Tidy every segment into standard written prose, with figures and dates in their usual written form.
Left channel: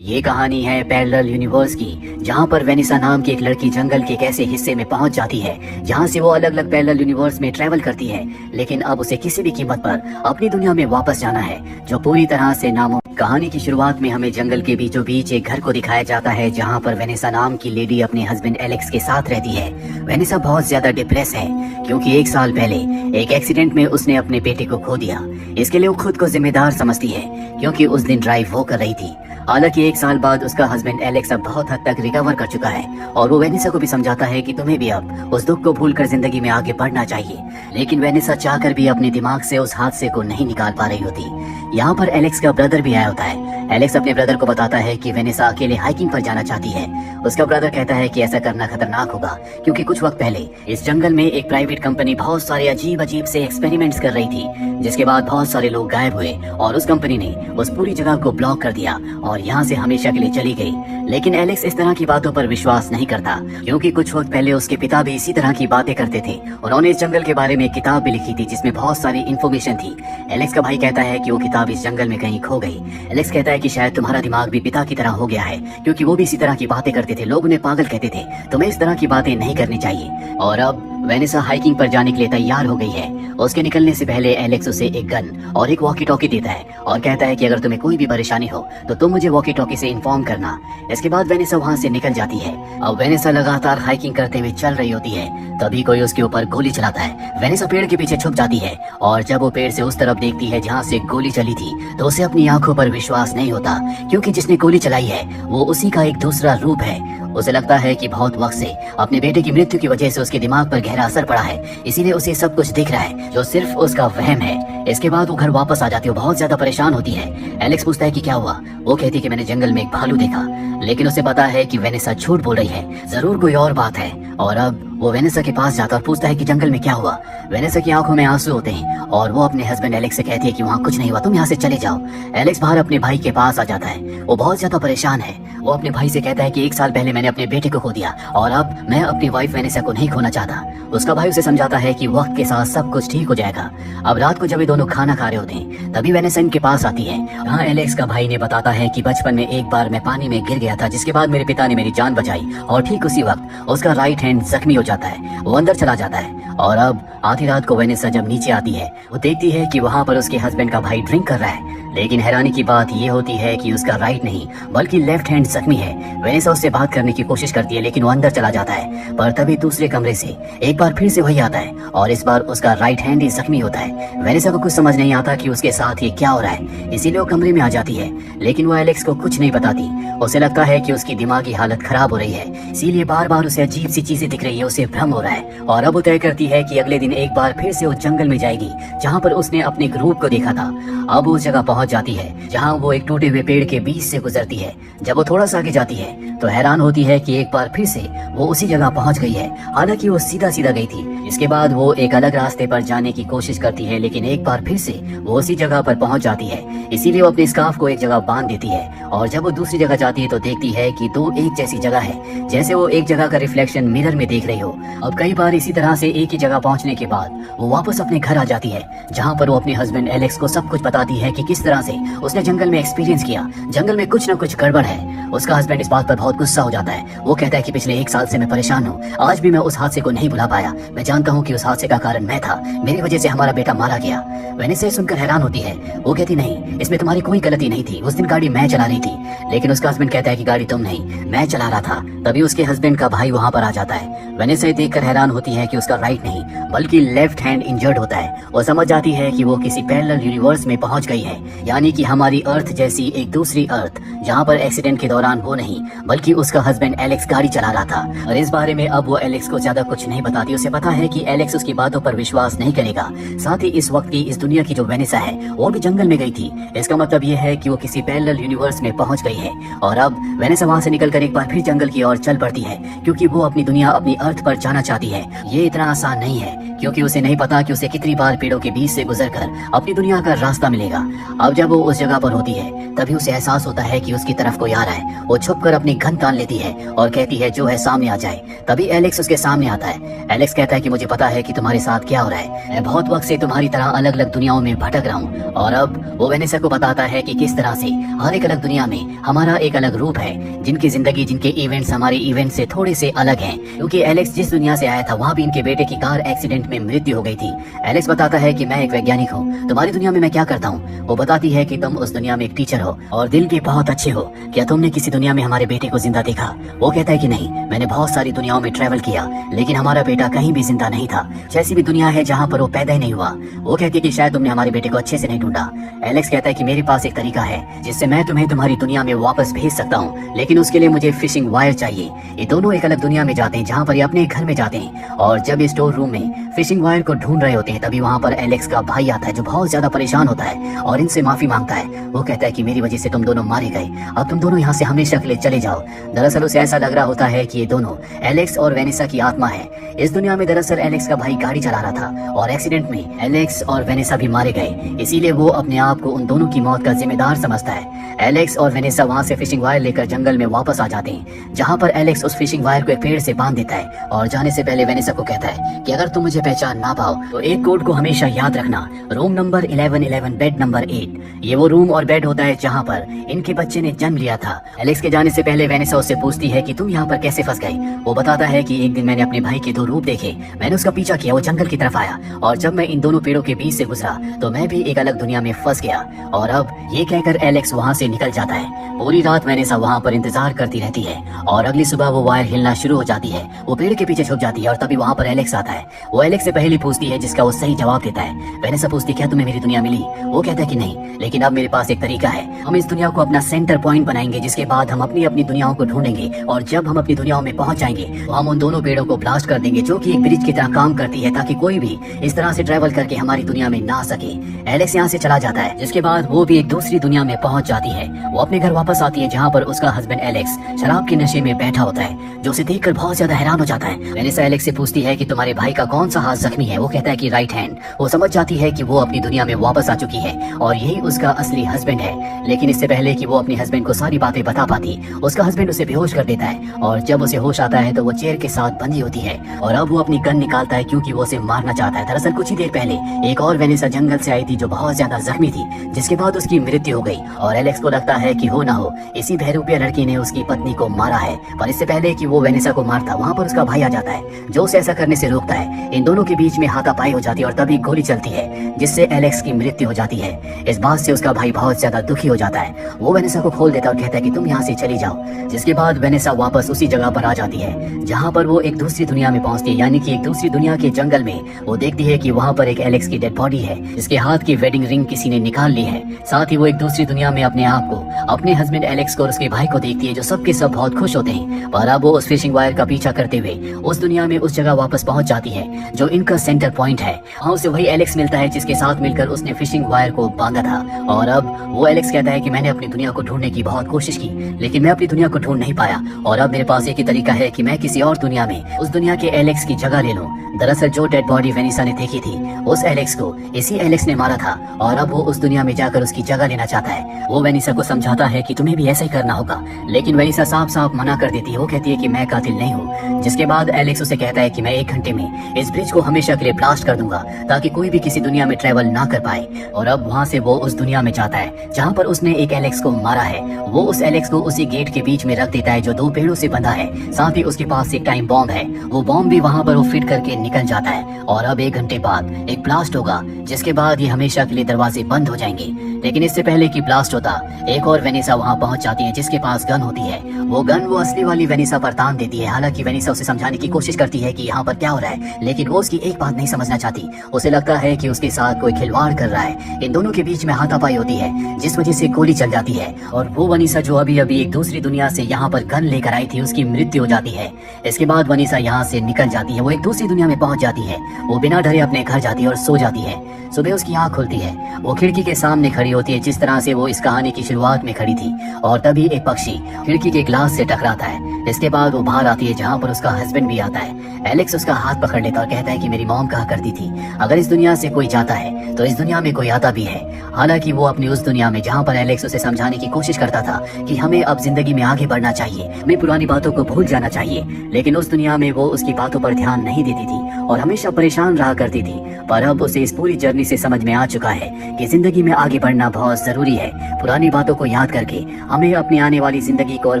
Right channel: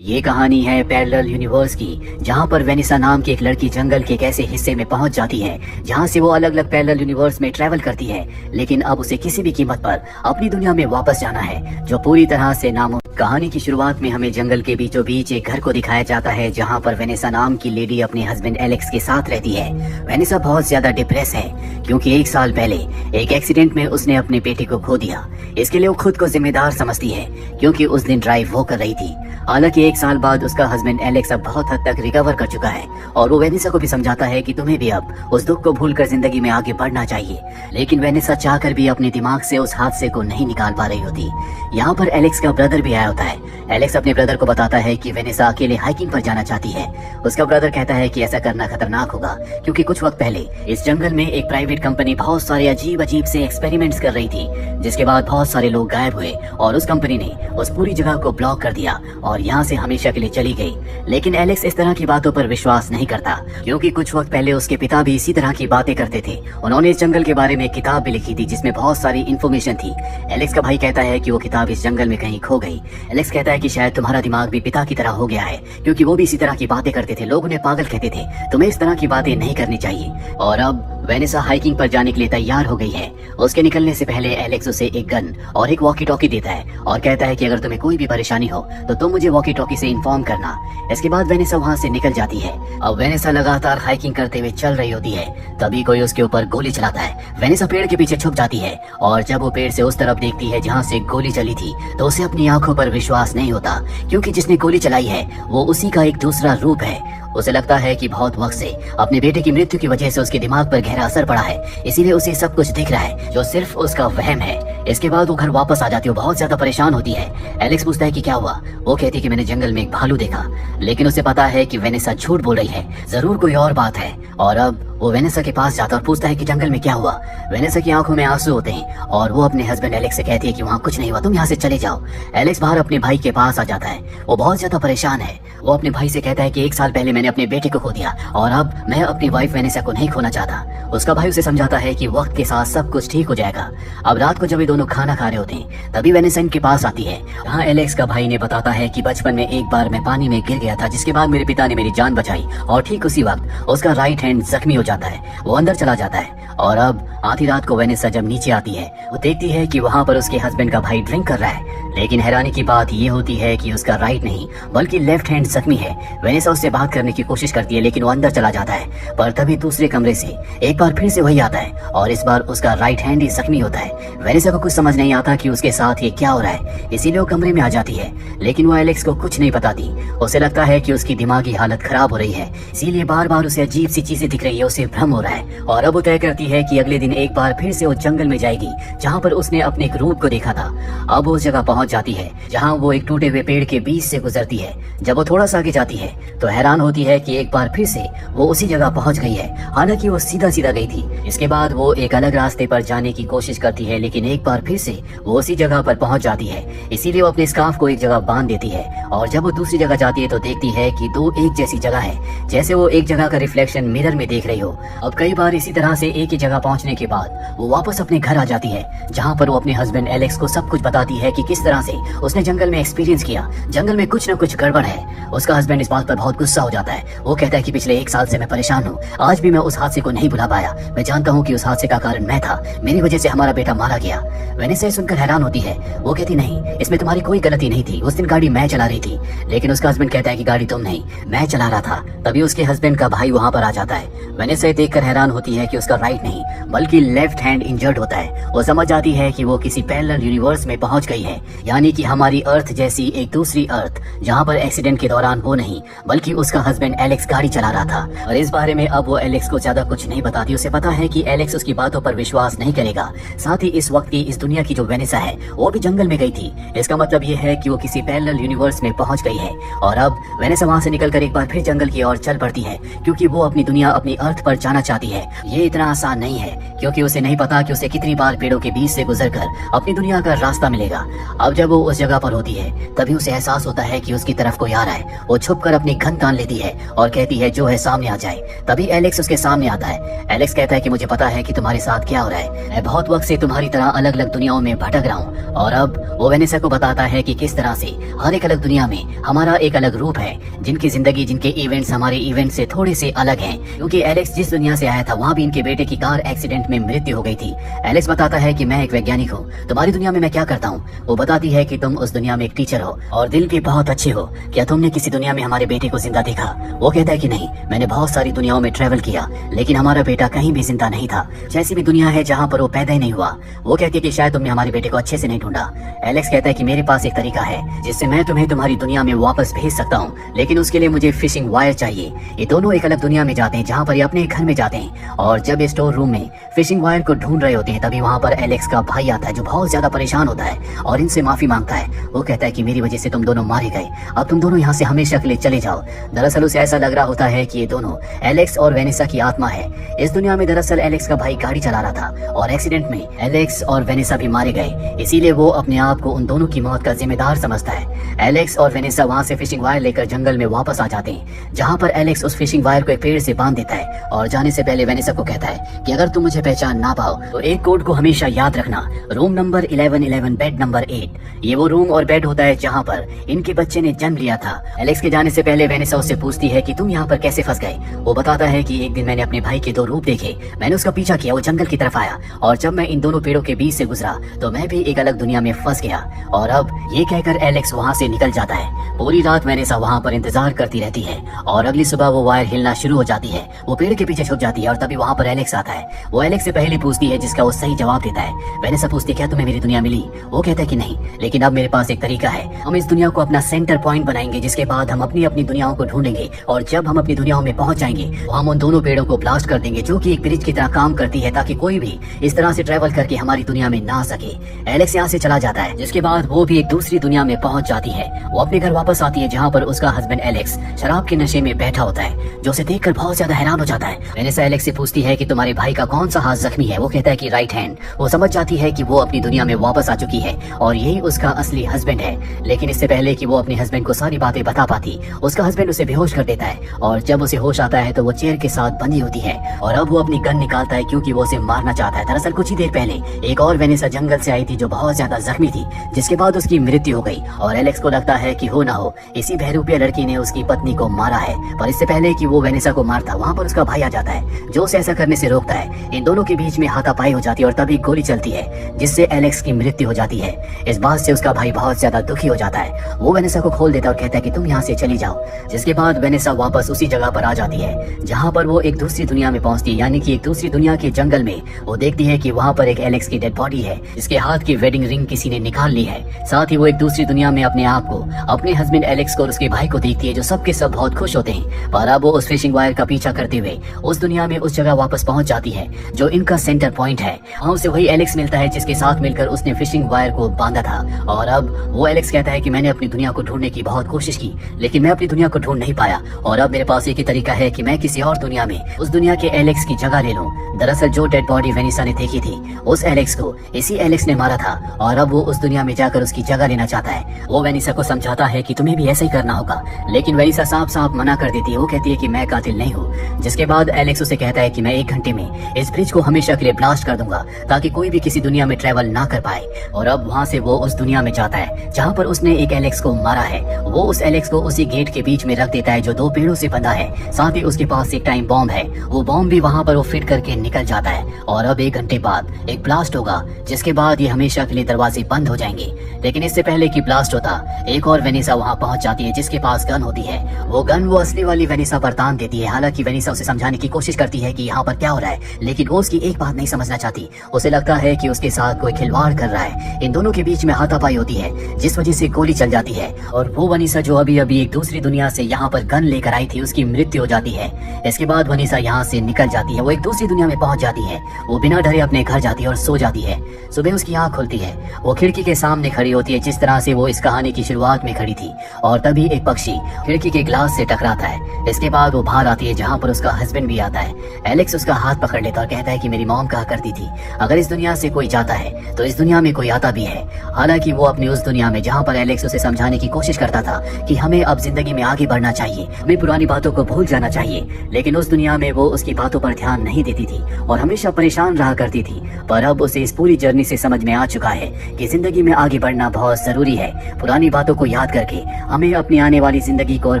ये कहानी है पैरेलल यूनिवर्स की, जहाँ पर वेनिसा नाम की एक लड़की जंगल के एक ऐसे हिस्से में पहुंच जाती है जहाँ से वो अलग अलग पैरेलल यूनिवर्स में ट्रेवल करती है। लेकिन अब उसे किसी भी कीमत पर अपनी दुनिया में वापस जाना है, जो पूरी तरह से नामुमकिन। कहानी की शुरुआत में हमें जंगल के बीचों बीच एक घर को दिखाया जाता है, जहाँ पर वेनिसा नाम की लेडी अपने हस्बैंड एलेक्स के साथ रहती है। वेनिसा बहुत ज्यादा डिप्रेस है क्योंकि 1 साल पहले एक एक्सीडेंट में उसने अपने बेटे को खो दिया। इसके लिए वो खुद को जिम्मेदार समझती है क्योंकि उस दिन ड्राइव वो कर रही थी। हालांकि 1 साल बाद उसका हस्बैंड एलेक्स अब बहुत हद तक रिकवर कर चुका है और वो वेनिसा को भी समझाता है कि तुम्हें भी अब उस दुख को भूलकर जिंदगी में आगे बढ़ना चाहिए। लेकिन वेनिसा चाहकर भी अपने दिमाग से उस हादसे को नहीं निकाल पा रही होती। यहाँ पर एलेक्स का ब्रदर भी आया होता है। एलेक्स अपने ब्रदर को बताता है कि वेनिसा अकेले हाइकिंग पर जाना चाहती है। उसका ब्रदर कहता है कि ऐसा करना खतरनाक होगा क्योंकि कुछ वक्त पहले इस जंगल में एक प्राइवेट कंपनी बहुत सारे अजीब अजीब से एक्सपेरिमेंट्स कर रही थी, जिसके बाद बहुत सारे लोग गायब हुए और उस कंपनी ने उस पूरी जगह को ब्लॉक कर दिया और यहाँ से हमेशा के लिए चली गई। लेकिन एलेक्स इस तरह की बातों पर विश्वास नहीं करता क्योंकि कुछ वक्त पहले उसके पिता भी इसी तरह की बातें करते थे। उन्होंने इस जंगल के बारे में एक किताब भी लिखी थी जिसमें बहुत सारी इन्फॉर्मेशन थी। एलेक्स का भाई कहता है कि वो किताब इस जंगल में कहीं खो गई। एलेक्स कहता है कि शायद तुम्हारा दिमाग भी पिता की तरह हो गया है क्योंकि वो भी इसी तरह की बातें करते थे। लोग उन्हें पागल कहते थे, तुम्हें इस तरह की बातें नहीं करनी चाहिए। और अब वेनिसा हाइकिंग पर जाने के लिए तैयार हो गई है। उसके निकलने से पहले एलेक्स उसे एक गन और एक वॉकी टॉकी देता है और कहता है कि अगर तुम्हें कोई भी परेशानी हो तो तुम मुझे वॉकी टॉकी से इन्फॉर्म करना। इसके बाद वेनिसा वहाँ से निकल जाती है। अब वेनिसा लगातार हाइकिंग करते हुए चल रही होती है, तभी कोई उसके ऊपर गोली चलाता है। वेनिसा पेड़ के पीछे छुप जाती है और जब वो पेड़ से उस तरफ देखती है जहाँ से गोली चली थी तो उसे अपनी आंखों पर विश्वास नहीं होता क्योंकि जिसने गोली चलाई है वो उसी का एक दूसरा रूप है। उसे लगता है कि बहुत वक्त से अपने बेटे की मृत्यु की वजह से उसके दिमाग पर गहरा असर पड़ा है, इसीलिए उसे सब कुछ दिख रहा है जो सिर्फ उसका वहम है। इसके बाद वो घर वापस आ जाती है, बहुत ज्यादा परेशान होती है। एलेक्स पूछता है कि क्या हुआ। वो कहती है कि मैंने जंगल में एक भालू देखा, लेकिन उसे पता है कि वेनिसा झूठ बोल रही है, जरूर कोई और बात है। और अब वो वेनिसा के पास जाता और पूछता है कि जंगल में क्या हुआ। वेनिसा की आंखों में आंसू होते हैं और वो अपने हस्बैंड एलेक्स से कहती है कि वहाँ कुछ नहीं हुआ, तुम यहाँ से चले जाओ। एलेक्स बाहर अपने भाई के पास आ जाता है। वो बहुत ज्यादा परेशान है। वो अपने भाई से कहता है कि 1 साल पहले मैंने अपने बेटे को खो दिया और अब मैं अपनी वाइफ वेनिसा को नहीं खोना चाहता। उसका भाई उसे समझाता है कि वक्त के साथ सब कुछ ठीक हो जाएगा। अब रात को जब ये दोनों खाना खा रहे होते हैं तभी वेनिसा इनके पास आती है। यहाँ एलेक्स का भाई ने बताता है कि बचपन में एक बार मैं पानी में गिर गया था, जिसके बाद मेरे पिता ने मेरी जान बचाई और ठीक उसी वक्त उसका राइट हैंड जख्मी हो जाता है। वो अंदर चला जाता है और अब आधी रात को वेनिसा जब नीचे आती है वो देखती है कि वहाँ पर उसके हस्बैंड का भाई ड्रिंक कर रहा है। लेकिन हैरानी की बात ये होती है कि उसका राइट नहीं बल्कि लेफ्ट हैंड जख्मी है। वेनिसा उससे बात करने की कोशिश करती है लेकिन वो अंदर चला जाता है, पर तभी दूसरे कमरे से एक बार फिर से वही आता है और इस बार उसका राइट हैंड ही जख्मी होता है। वेनिसा को कुछ समझ नहीं आता कि उसके साथ ये क्या हो रहा है, इसीलिए वो कमरे में आ जाती है। लेकिन वो एलेक्स को कुछ नहीं बताती। उसे लगता है कि उसकी दिमागी हालत खराब हो रही है, इसीलिए बार बार उसे अजीब सी चीजें दिख रही है, उसे भ्रम हो रहा है। और अब वो तय करती है कि अगले दिन एक बार फिर से वो जंगल में जाएगी जहाँ पर उसने अपने ग्रुप को देखा था। अब वो उस जगह पहुंच जाती है जहाँ वो एक टूटे हुए पेड़ के बीच से गुजरती है। जब वो थोड़ा सा आगे जाती है तो हैरान होती है कि एक बार फिर से वो उसी जगह पहुंच गई है, हालांकि वो सीधा सीधा गई थी। इसके बाद वो एक अलग रास्ते पर जाने की कोशिश करती है लेकिन एक बार फिर से वो उसी जगह पर पहुंच जाती है, इसीलिए वो अपने स्कार्फ को एक जगह बांध देती है। और जब वो दूसरी जगह जाती है तो देखती है कि दो एक जैसी जगह है, जैसे वो एक जगह का रिफ्लेक्शन मिरर में देख रही हो। अब कई बार इसी तरह से एक ही जगह पहुंचने के बाद वो वापस अपने घर आ जाती है, जहाँ पर वो अपने हस्बैंड एलेक्स को सब कुछ बताती है कि किस तरह से उसने जंगल में एक्सपीरियंस किया। जंगल में कुछ न कुछ गड़बड़ है। उसका हस्बैंड इस बात पर बहुत गुस्सा हो जाता है। वो कहता है कि पिछले 1 साल से मैं परेशान हूँ, आज भी मैं उस हादसे को नहीं भुला पाया। मैं जानता हूँ कि उस हादसे का कारण मैं था, मेरी वजह से हमारा बेटा मारा गया। वेनिसा सुनकर हैरान होती है। वो कहती नहीं, इसमें तुम्हारी कोई गलती नहीं थी, उस दिन गाड़ी मैं चला रही थी। लेकिन उसका हस्बैंड कहता है कि गाड़ी तुम नहीं, मैं चला रहा था। तभी उसके हस्बैंड का भाई वहाँ पर आ जाता है। वेनिसा देखकर हैरान होती है कि उसका राइट नहीं बल्कि लेफ्ट हैंड इंजर्ड होता है। वो समझ जाती है कि वो किसी पैरेलल यूनिवर्स में पहुंच गई है, यानी कि हमारी अर्थ जैसी एक दूसरी अर्थ, जहाँ पर एक्सीडेंट के दौरान वो नहीं बल्कि उसका हस्बैंड एलेक्स गाड़ी चला रहा था। और इस बारे में अब वो एलेक्स को ज्यादा कुछ नहीं बताती। उसे पता है कि एलेक्स उसकी बातों पर विश्वास नहीं करेगा। साथ ही इस वक्त की इस दुनिया की जो वेनिसा है वो भी जंगल में गई थी। इसका मतलब ये है कि वो किसी पैरेलल यूनिवर्स में पहुंच गई है। और अब वेनिसा वहाँ से निकलकर एक बार फिर जंगल की ओर चल पड़ती है क्योंकि वो अपनी दुनिया, अपनी अर्थ पर जाना चाहती है। ये इतना आसान नहीं है क्योंकि उसे नहीं पता कि उसे कितनी बार पेड़ों के बीच से गुजरकर अपनी दुनिया का रास्ता मिलेगा। अब जब वो उस जगह पर होती है तभी उसे एहसास होता है कि उसकी तरफ कोई आ रहा है। वो छुपकर अपनी गन तान लेती है और कहती है जो है सामने आ जाए। तभी एलेक्स उसके सामने आता है। एलेक्स कहता है कि मुझे पता है कि तुम्हारे साथ क्या हो रहा है, मैं बहुत वक्त से तुम्हारी तरह अलग अलग दुनियाओं में भटक रहा हूँ। और अब वो वेनेसा को बताता है कि किस तरह से हर एक अलग दुनिया में हमारा एक अलग रूप है, जिनकी जिंदगी, जिनके इवेंट्स हमारे इवेंट से थोड़े से अलग हैं। क्योंकि एलेक्स जिस दुनिया से आया था वहाँ भी इनके बेटे की कार एक्सीडेंट में मृत्यु हो गई थी। एलेक्स बताता है कि मैं एक वैज्ञानिक हूँ, तुम्हारी दुनिया में मैं क्या करता हूँ। वो बताती है कि तुम उस दुनिया में एक टीचर हो और दिल के बहुत अच्छे हो, क्या तुमने किसी दुनिया में हमारे बेटे को जिंदा देखा। वो कहता है कि नहीं, मैंने बहुत सारी दुनियाओं में ट्रेवल किया लेकिन हमारा बेटा कहीं भी जिंदा नहीं था। जैसी भी दुनिया है जहाँ पर वो पैदा ही नहीं हुआ। वो कहती है कि शायद तुमने हमारे बेटे को अच्छे से नहीं ढूंढा। एलेक्स कहता है कि मेरे पास एक तरीका है जिससे मैं तुम्हें तुम्हारी दुनिया में वापस भेज सकता हूँ, लेकिन उसके लिए मुझे फिशिंग वायर चाहिए। ये दोनों एक अलग दुनिया में जाते हैं जहाँ पर ये अपने घर में जाते हैं और जब स्टोर रूम में फिशिंग वायर को ढूंढ रहे होते हैं तभी वहाँ पर एलेक्स का भाई आता है जो बहुत ज्यादा परेशान होता है और इनसे माफी मांगता है। वो कहता है कि मेरी वजह से तुम दोनों मारे गए, अब तुम दोनों यहाँ से हमेशा के लिए चले जाओ। दरअसल उसे ऐसा लग रहा होता है कि ये दोनों एलेक्स और वेनेसा की आत्मा है। इस दुनिया में दरअसल एलेक्स का भाई गाड़ी चला रहा था और एक्सीडेंट में एलेक्स और वेनेसा भी मारे गए, इसीलिए वो अपने आप को उन दोनों की मौत का जिम्मेदार समझता है। एलेक्स और वेनेसा वहाँ से फिशिंग वायर लेकर जंगल में वापस आ जाते हैं, जहाँ पर एलेक्स उस फिशिंग वायर को एक पेड़ से बांध देता है और जाने से पहले वेनेसा को कहता है कि अगर तुम मुझे पहचान ना पाओ तो एक कोड को हमेशा याद रखना, रूम नंबर 1111 बेड नंबर 8। ये वो रूम और बेड होता है जहाँ पर इनके बच्चे ने जन्म लिया था। एलेक्स के जाने से पहले वेनेसा उससे पूछती है कि तुम यहाँ पर कैसे फंस गए। वो बताता है कि एक दिन मैंने अपने भाई के 2 रूप देखे, मैंने उसका पीछा किया, वो जंगल की तरफ आया और जब मैं इन दोनों पेड़ों के बीच से गुजरा तो मैं भी एक अलग दुनिया में फंस गया। और अब ये कहकर एलेक्स वहाँ से निकल जाता है। पूरी रात वेनेसा वहाँ पर इंतजार करती रहती है और अगली सुबह वो वायर हिलना शुरू हो जाती है। वो पेड़ के पीछे छुप जाती है और तभी वहाँ पर एलेक्स आता है। वो एलेक्स से पहले पूछती है जिसका वो सही जवाब देता है। वेनेसा पूछती है क्या तुम्हें मेरी दुनिया मिली। वो कहता है कि नहीं, लेकिन अब मेरे पास एक तरीका है, हम इस दुनिया को अपना सेंटर पॉइंट बनाएंगे, जिसके बाद हम अपनी अपनी दुनियाओं को ढूंढेंगे और जब हम अपनी दुनियाओं में पहुंच जाएंगे तो हम उन दोनों पेड़ों को ब्लास्ट कर देंगे जो कि एक ब्रिज की तरह काम करती है, ताकि कोई भी इस तरह से ट्रेवल करके हमारी दुनिया में ना आ सके। एलेक्स यहाँ से चला जाता है, जिसके बाद वो भी एक दूसरी दुनिया में पहुंच जाती है। वो अपने घर वापस आती है जहाँ पर उसका हस्बैंड एलेक्स शराब के नशे में बैठा होता है, जो उसे देखकर बहुत ज्यादा हैरान हो जाता है। वेनेसा एलेक्स से पूछती है कि तुम्हारे भाई का कौन सा हाथ जख्मी है। वो कहता है कि राइट हैंड। वो समझ जाती है कि वो अपनी दुनिया में वापस आ चुकी है और यही उसका असली हस्बैंड है। लेकिन इससे पहले कि वो अपने हस्बैंड को सारी बातें बता पाती, उसका हस्बैंड उसे बेहोश कर देता है और जब उसे होश आता है तो वो चेयर के साथ बंधी होती है और अब वो अपनी गन निकालता है क्योंकि वो उसे मारना चाहता है। दरअसल कुछ ही देर पहले एक और वेनेसा जंगल से आई थी जो बहुत ज्यादा जख्मी थी, जिसके बाद उसकी मृत्यु हो गई और एलेक्स को लगता है कि हो ना हो इसी बहरूपिया लड़की ने उसकी पत्नी को मारा है। पर इससे पहले कि वो वेनेसा को मारता, वहाँ पर उसका भाई आ जाता है जो उसे ऐसा करने से रोकता है। इन दोनों के बीच में हाथापाई हो जाती है और तभी गोली चलती है जिससे एलेक्स की मृत्यु हो जाती है। इस बात से उसका भाई बहुत ज्यादा दुखी हो जाता है। वो वेनेसा को खोल देता है और कहता है कि तुम यहाँ से चली जाओ, जिसके बाद वेनेसा वापस उसी जगह पर आ जाती है जहाँ पर वो एक दूसरी दुनिया में पहुंचती है, यानी कि एक दूसरी दुनिया के जंगल में। वो देखती है कि वहाँ पर एक एलेक्स की डेड बॉडी है जिसके हाथ की वेडिंग रिंग किसी ने निकाल ली है। साथ ही वो एक दूसरी दुनिया में अपने आप को, अपने हस्बैंड एलेक्स को और उसके भाई को देखती है जो सबके सब बहुत खुश होते हैं। पर अब वो उस फिशिंग वायर का पीछा करते हुए उस दुनिया में उस जगह वापस पहुंच जाती है जो इनका सेंटर पॉइंट है। वहाँ उसे वही एलेक्स मिलता है जिसके साथ मिलकर उसने फिशिंग वायर को बांधा था। और अब वो एलेक्स कहता है कि मैंने अपनी दुनिया को ढूंढने की बहुत कोशिश की, लेकिन मैं अपनी दुनिया को ढूंढ नहीं पाया और अब मेरे पास एक ही तरीका है कि मैं किसी और दुनिया में उस दुनिया के एलेक्स की जगह ले लूं। दरअसल जो डेड बॉडी वेनेसा ने देखी थी उस एलेक्स को इसी एलेक्स ने मारा था और अब वो उस दुनिया में जाकर उसकी जगह लेना चाहता है। वो वेनेसा को समझाता है कि तुम्हें भी ऐसा ही करना होगा, लेकिन वेनेसा साफ साफ मना कर देती है। वो कहती है कि मैं कातिल नहीं हूँ, जिसके बाद एलेक्स उसे कहता है कि मैं 1 घंटे में इस ब्रिज को हमेशा के लिए ब्लास्ट कर दूंगा ताकि कोई भी किसी दुनिया में ट्रेवल ना कर पाए। और अब वहाँ से वो उस दुनिया में जाता है जहाँ पर उसने एक एलेक्स को मारा है। वो उस एलेक्स को उसी गेट के बीच में रख देता है जो 2 पेड़ों से बंधा है। साथ ही उसके पास एक टाइम बॉम्ब है, वो बॉम्ब भी वहाँ पर वो फिट करके निकल जाता है। और अब 1 घंटे बाद एक ब्लास्ट होगा, जिसके बाद ये हमेशा के लिए दरवाजे बंद हो जाएंगे। लेकिन इससे पहले कि ब्लास्ट होता, एक और वेनेसा वहाँ पहुंच जाती है जिसके पास गन होती है। वो गन वो असली वाली वेनेसा पर तान देती है। हालांकि वेनेसा उसे समझाने की कोशिश करती है कि यहाँ पर क्या हो रहा है, लेकिन वो उसकी एक बात नहीं समझना चाहती। उसे लगता है कि उसके साथ कोई खिलवाड़ कर रहा है। इन दोनों के बीच में हाथापाई होती है जिस वजह से गोली चल जाती है और वो वेनेसा जो अभी अभी एक दूसरी दुनिया से यहाँ पर गन लेकर आई थी उसकी मृत्यु हो जाती है। इसके बाद वेनेसा यहाँ से निकल जाती है, वो एक दूसरी दुनिया में पहुंच जाती है। वो बिना डरे अपने घर जाती है और सो जाती है। सुबह उसकी आंख खुलती है, वो खिड़की के सामने खड़ी होती है जिस तरह से वो इस कहानी की शुरुआत में खड़ी थी। और तभी एक पक्षी खिड़की के ग्लास से टकराता है। इसके बाद वो बाहर आती है जहाँ पर उसका हस्बैंड भी आता है। एलेक्स उसका हाथ पकड़ लेता और कहता कहता है कि मेरी मॉम कहा करती थी, अगर इस दुनिया से कोई जाता है तो इस दुनिया में कोई आता भी है। हालांकि वो अपनी उस दुनिया में जहाँ पर एलेक्स उसे समझाने की कोशिश करता था कि हमें अब जिंदगी में आगे बढ़ना चाहिए, हमें पुरानी बातों को भूल जाना चाहिए, लेकिन उस दुनिया में वो उसकी बातों पर ध्यान नहीं देती थी और हमेशा परेशान रहा करती थी। पर अब उसे इस पूरी जर्नी से समझ में आ चुका है कि जिंदगी में आगे बढ़ना बहुत जरूरी है। पुरानी बातों को याद करके हमें अपनी आने वाली जिंदगी को और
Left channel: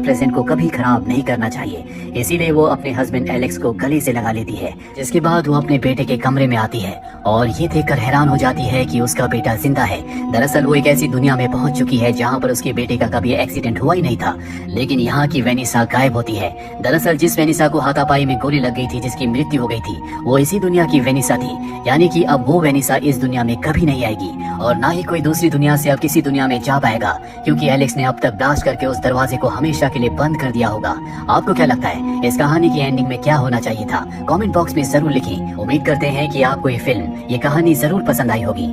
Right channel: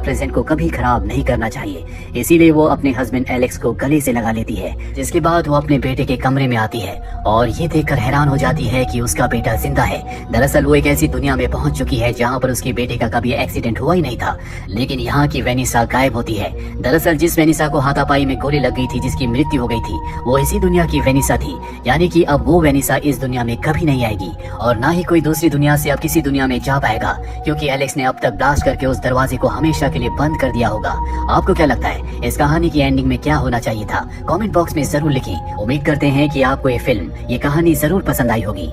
प्रेजेंट को कभी खराब नहीं करना चाहिए। इसीलिए वो अपने हस्बैंड एलेक्स को गले से लगा लेती है, जिसके बाद वो अपने बेटे के कमरे में आती है और ये देखकर हैरान हो जाती है कि उसका बेटा जिंदा है। दरअसल वो एक ऐसी दुनिया में पहुंच चुकी है जहाँ पर उसके बेटे का कभी एक्सीडेंट हुआ ही नहीं था, लेकिन यहाँ की वेनिसा गायब होती है। दरअसल जिस वेनिसा को हाथापाई में गोली लग गई थी, जिसकी मृत्यु हो गई थी, वो इसी दुनिया की वेनिसा थी। यानी कि अब वो वेनिसा इस दुनिया में कभी नहीं आएगी और ना ही कोई दूसरी दुनिया से अब किसी दुनिया में जा पाएगा, क्योंकि एलेक्स ने अब तक ब्लास्ट करके उस दरवाजे को हमेशा के लिए बंद कर दिया होगा। आपको क्या लगता है इस कहानी की एंडिंग में क्या होना चाहिए था? कमेंट बॉक्स में जरूर लिखें। उम्मीद करते हैं कि आपको ये फिल्म, ये कहानी जरूर पसंद आई होगी।